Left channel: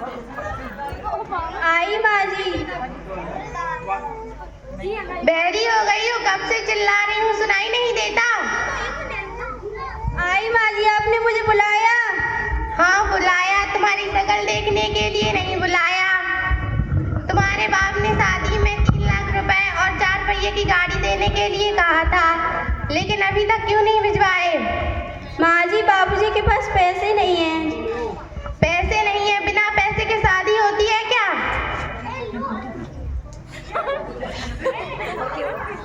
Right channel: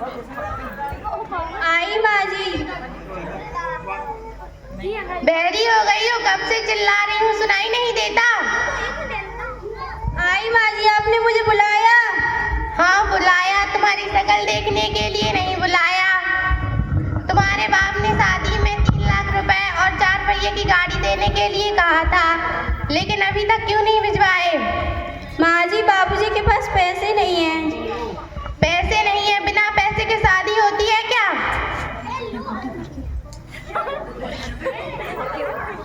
आई माँ जी। बहरी हो गई हो, कब से चिल्ला रही हूँ, सुनाई नहीं देता? आई माँ जी, आपने मुझे बुलाया? हाँ बुलाया, तुम्हारी शक्ल देखने के लिए नहीं बुलाया। तुम्हारे बाप ने शादी में 3 लाख रुपए और 4 पहिए की गाड़ी देने के लिए कहा था, लेकिन अभी तक क्यों नहीं भिजवाए? माँ जी, बाबूजी के पास पैसे नहीं हैं। पैसे नहीं है? बिना पैसे के शादी होती है क्या?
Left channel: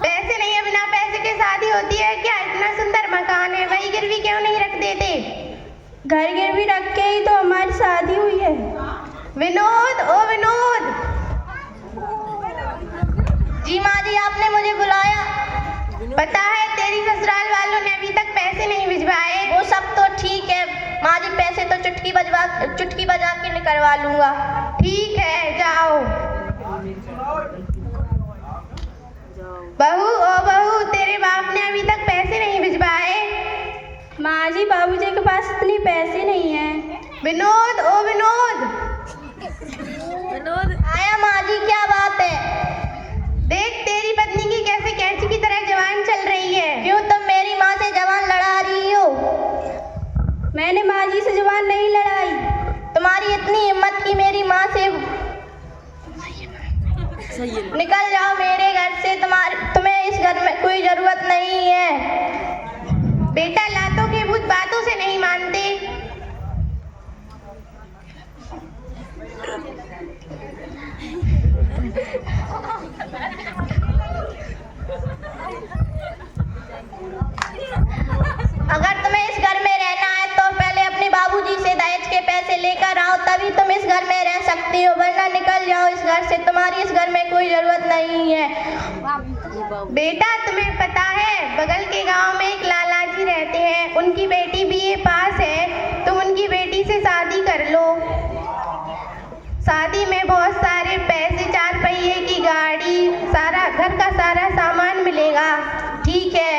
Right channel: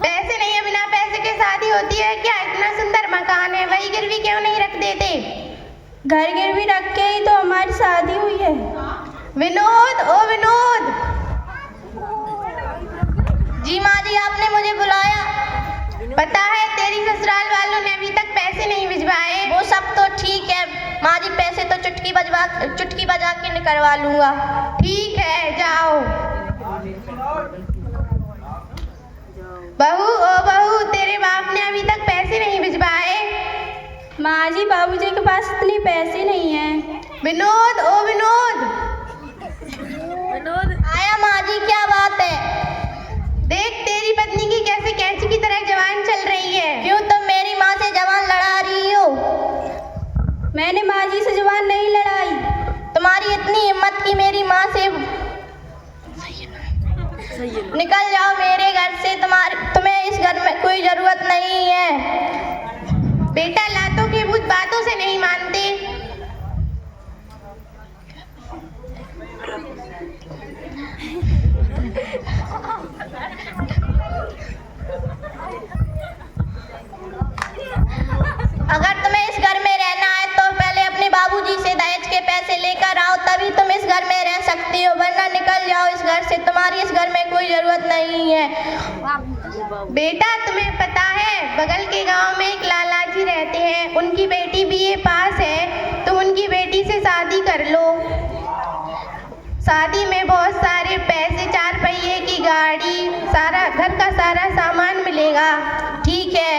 पैसे नहीं है, बिना पैसे के शादी होती है क्या? इतना सुंदर मकान है, वही गिरवी क्यों नहीं रख देते? घर गिरवी रख के ही तो हमारी शादी हुई है। विनोद, ओ विनोद। जी माँ जी, आपने मुझे बुलाया? पता है तेरी ससुराल वालों ने अभी तक पैसे नहीं भिजवाए। वो सब तो ठीक है माँ जी, पैसे तो चुटकी बजा के निकलवा लूंगा। ठीक है, जाओ। बहू, ओ बहू, तेरे बाप ने अभी तक पैसे नहीं भिजवाए। माँ जी, बाबूजी के पास इतने पैसे नहीं हैं। विनोद, ओ विनोद। आया माँ जी, क्या बात है? देख तेरी पत्नी की कैसे कैंची की तरह जवान चल रही है। क्यों तुम मेरी माँ से जवान लड़ा रही हो? मैंने माँ जी से जवान नहीं लड़ाई। तुम्हारी इतनी हिम्मत की मेरी माँ से? निकल जाओ मेरे घर से, तुम्हें इस घर में कोई जरूरत नहीं है। बेटा, लातों के भूत बातों से नहीं मानते। अगर तुम्हें इस घर में रहना है तो पहले अपने बाबूजी से दहेज के पैसे लेकर आओ, तभी तुम इस घर में रह सकती हो, वरना निकल जाओ इस घर से, तुम्हारी इस घर में कोई जरूरत नहीं है। बेटा, तुम्हें पता है बगल के गांव में एक लाला जी रहते हैं, उनकी बेटी बीए पास है, तुम उनकी बेटी से शादी कर लो। शादी में बहुत सारे पैसे, 4 पहिए की गाड़ी, सारा घर का सारा सामान मिलेगा। ठीक है,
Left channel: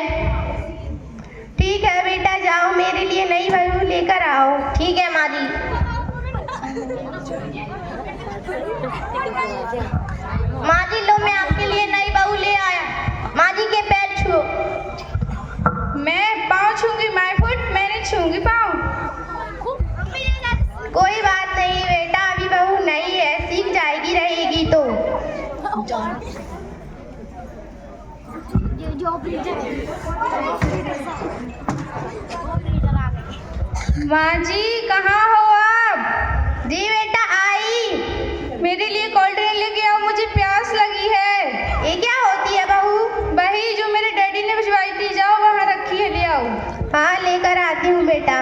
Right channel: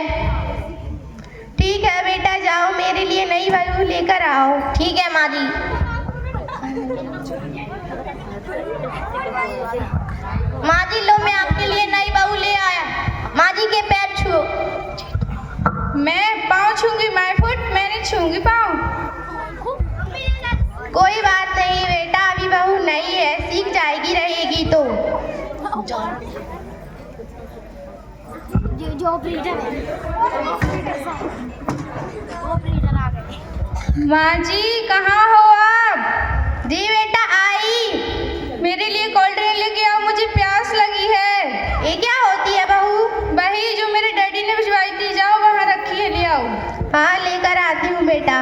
ठीक है बेटा, जाओ मेरे लिए नई बहू लेकर आओ। ठीक है माँ जी। माँ जी लो, मैं आपके लिए नई बहू ले आया। माँ जी के पैर छुओ। मैं पाँव छूंगी, माय फुट, मैं नहीं छूंगी पाँव। कोई बात नहीं बेटा, अभी बहू नई है, सीख जाएगी, रहेगी तो। माँ जी, कहाँ हो आप? जी बेटा, आई। मेरे लिए कोल्ड ड्रिंक लेके आओ, मुझे प्यास लगी है। ये क्या होती है बहू? वही जो मेरे डैडी ने भिजवाई थी, जाओ वहाँ रखी है, ले आओ। हाँ, लेकर आती हूँ बेटा।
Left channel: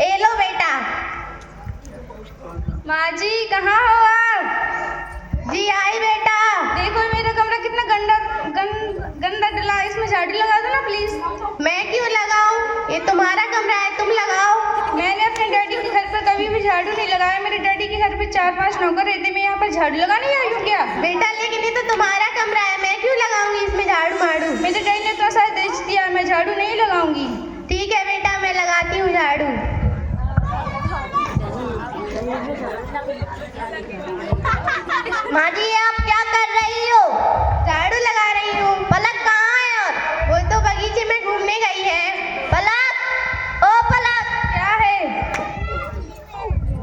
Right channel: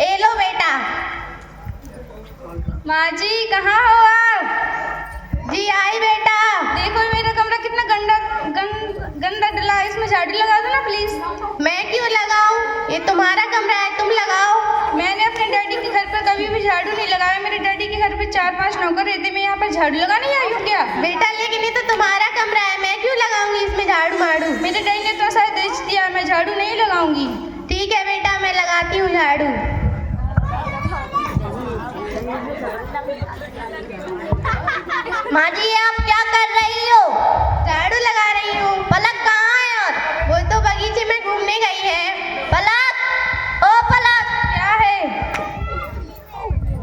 ए लो बेटा। माँ जी, कहाँ हो आप? जी आई बेटा। देखो मेरा कमरा कितना गंदा डला है, इसमें झाड़ू लगा दो ना प्लीज। मैं क्यों लगाऊं? ये तुम्हारा कमरा है, तुम लगाओ। मैंने अपने डैडी के घर पर कभी भी झाड़ू नहीं लगाया। मेरे डैडी के घर पे 4-5 नौकर रहते, मैं यहाँ पर झाड़ू लगाने आई हूँ क्या? बेटा, लेकिन ये तो तुम्हारा कमरा है, मैं क्यों लगाऊंगी इसमें झाड़ू मारू? मेरे डैडी ने तो शायद दहेज दिया, मैं झाड़ू नहीं लगाऊंगी। ठीक है बेटा, मैं लगाती हूँ झाड़ू। माँ जी, आप क्या कर रही हो? झाड़ू लगा रही हूँ। पलक कहाँ है? और वो तो बगीचे में घूमने गई है। पलक, ओ पलक, क्या है?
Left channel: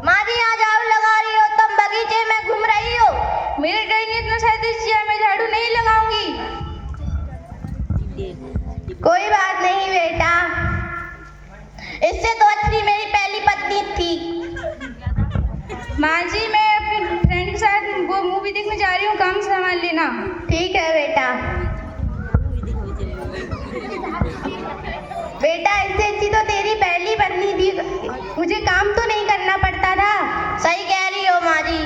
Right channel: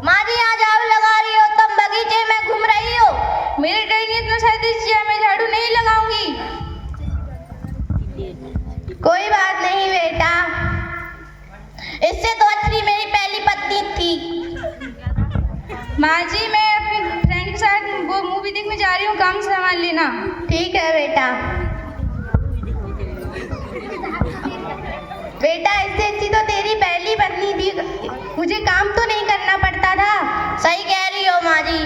माँ जी यहाँ झाड़ू लगा रही हो, तुम बगीचे में घूम रही हो। मेरे डैडी ने इतना शायद दिया, मैं झाड़ू नहीं लगाऊंगी। कोई बात नहीं बेटा। इससे तो अच्छी मेरी पहली पत्नी थी। माँ जी, मैं अपनी फ्रेंड के साथ वो मूवी देखने जा रही हूँ, काम संभाल लेना। ठीक है बेटा। बेटा, इससे अच्छी तो तेरी पहली पत्नी थी, मुझे काम तो नहीं करना पड़ता था। सही कह रही हो माँ जी।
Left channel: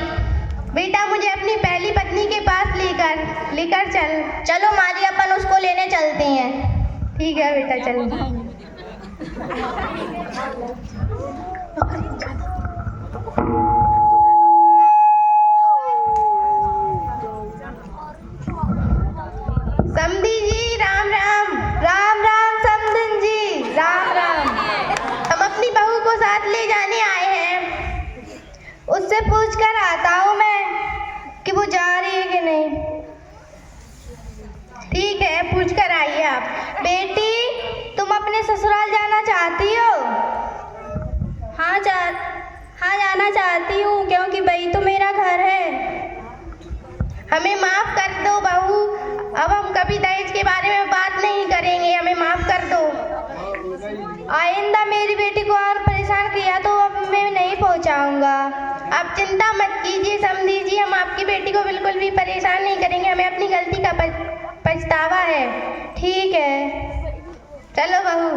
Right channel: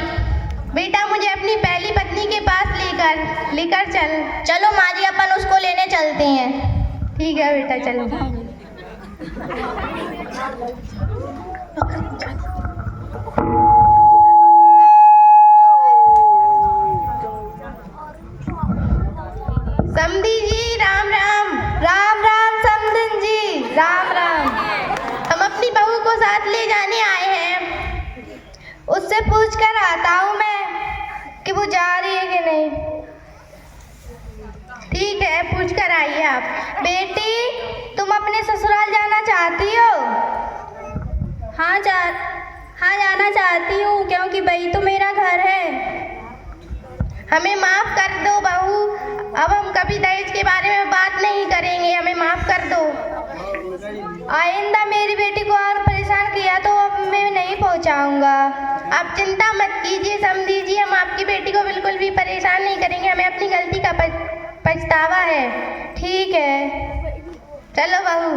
बेटा, मुझे अपनी पहली पत्नी के पास लेकर चल। चलो माँ जी, अपन उसको लेने चलते हैं। ठीक है बेटा, चलो। समधी जी, राम राम। राम हूँ, क्योंकि वही तो मेरा घर है। हमें माफ कर दो बहू, अब हम कभी दहेज के बारे में बात नहीं करेंगे, हमें माफ कर दो। आइंदा मेरी बेटी को और परेशान किया तो अब मैं नहीं पहुँचाऊँगा। आप चिंता मत कीजिए समधी जी, हम आपकी बेटी को बिल्कुल भी परेशान नहीं करेंगे, हमें अपनी गलती का पछतावा है। ठीक है, चलो बहू।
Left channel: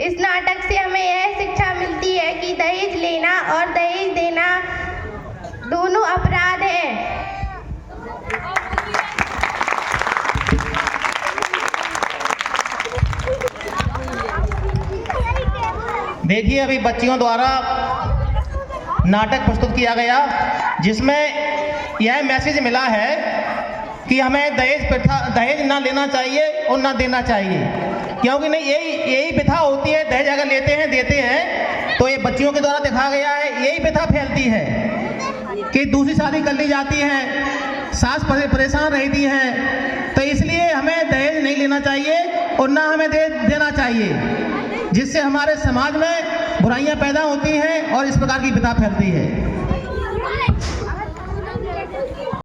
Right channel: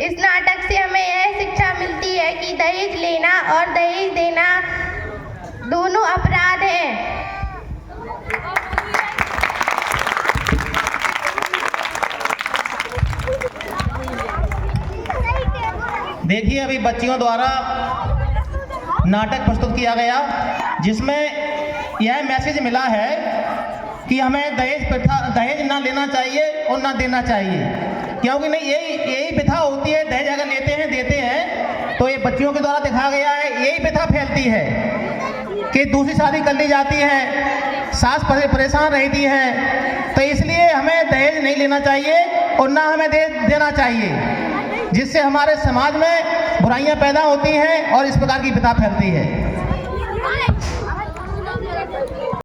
इस नाटक से हमें यह शिक्षा मिलती है कि दहेज लेना और दहेज देना दोनों अपराध हैं। देखिए, अभी बच्चियों द्वारा नाटक प्रस्तुत किया गया जिसमें यह मैसेज मिला है कि हमें दहेज ना लेना चाहिए और ना देना चाहिए, क्योंकि नहीं यही प्रथा होती है। दहेज अगर देते हैं तो ये बच्चियों के द्वारा दिखाया गया है, यही प्रथा फैलती है कि दूसरी शादी कर ली जाती है, सास परेशान रहती है। तो इसलिए हमें दहेज नहीं लेना चाहिए और ना हमें देना चाहिए, जिससे हमारे समाज में बुराइयां पैदा होती हैं और इस प्रकार की प्रथा फैलती है।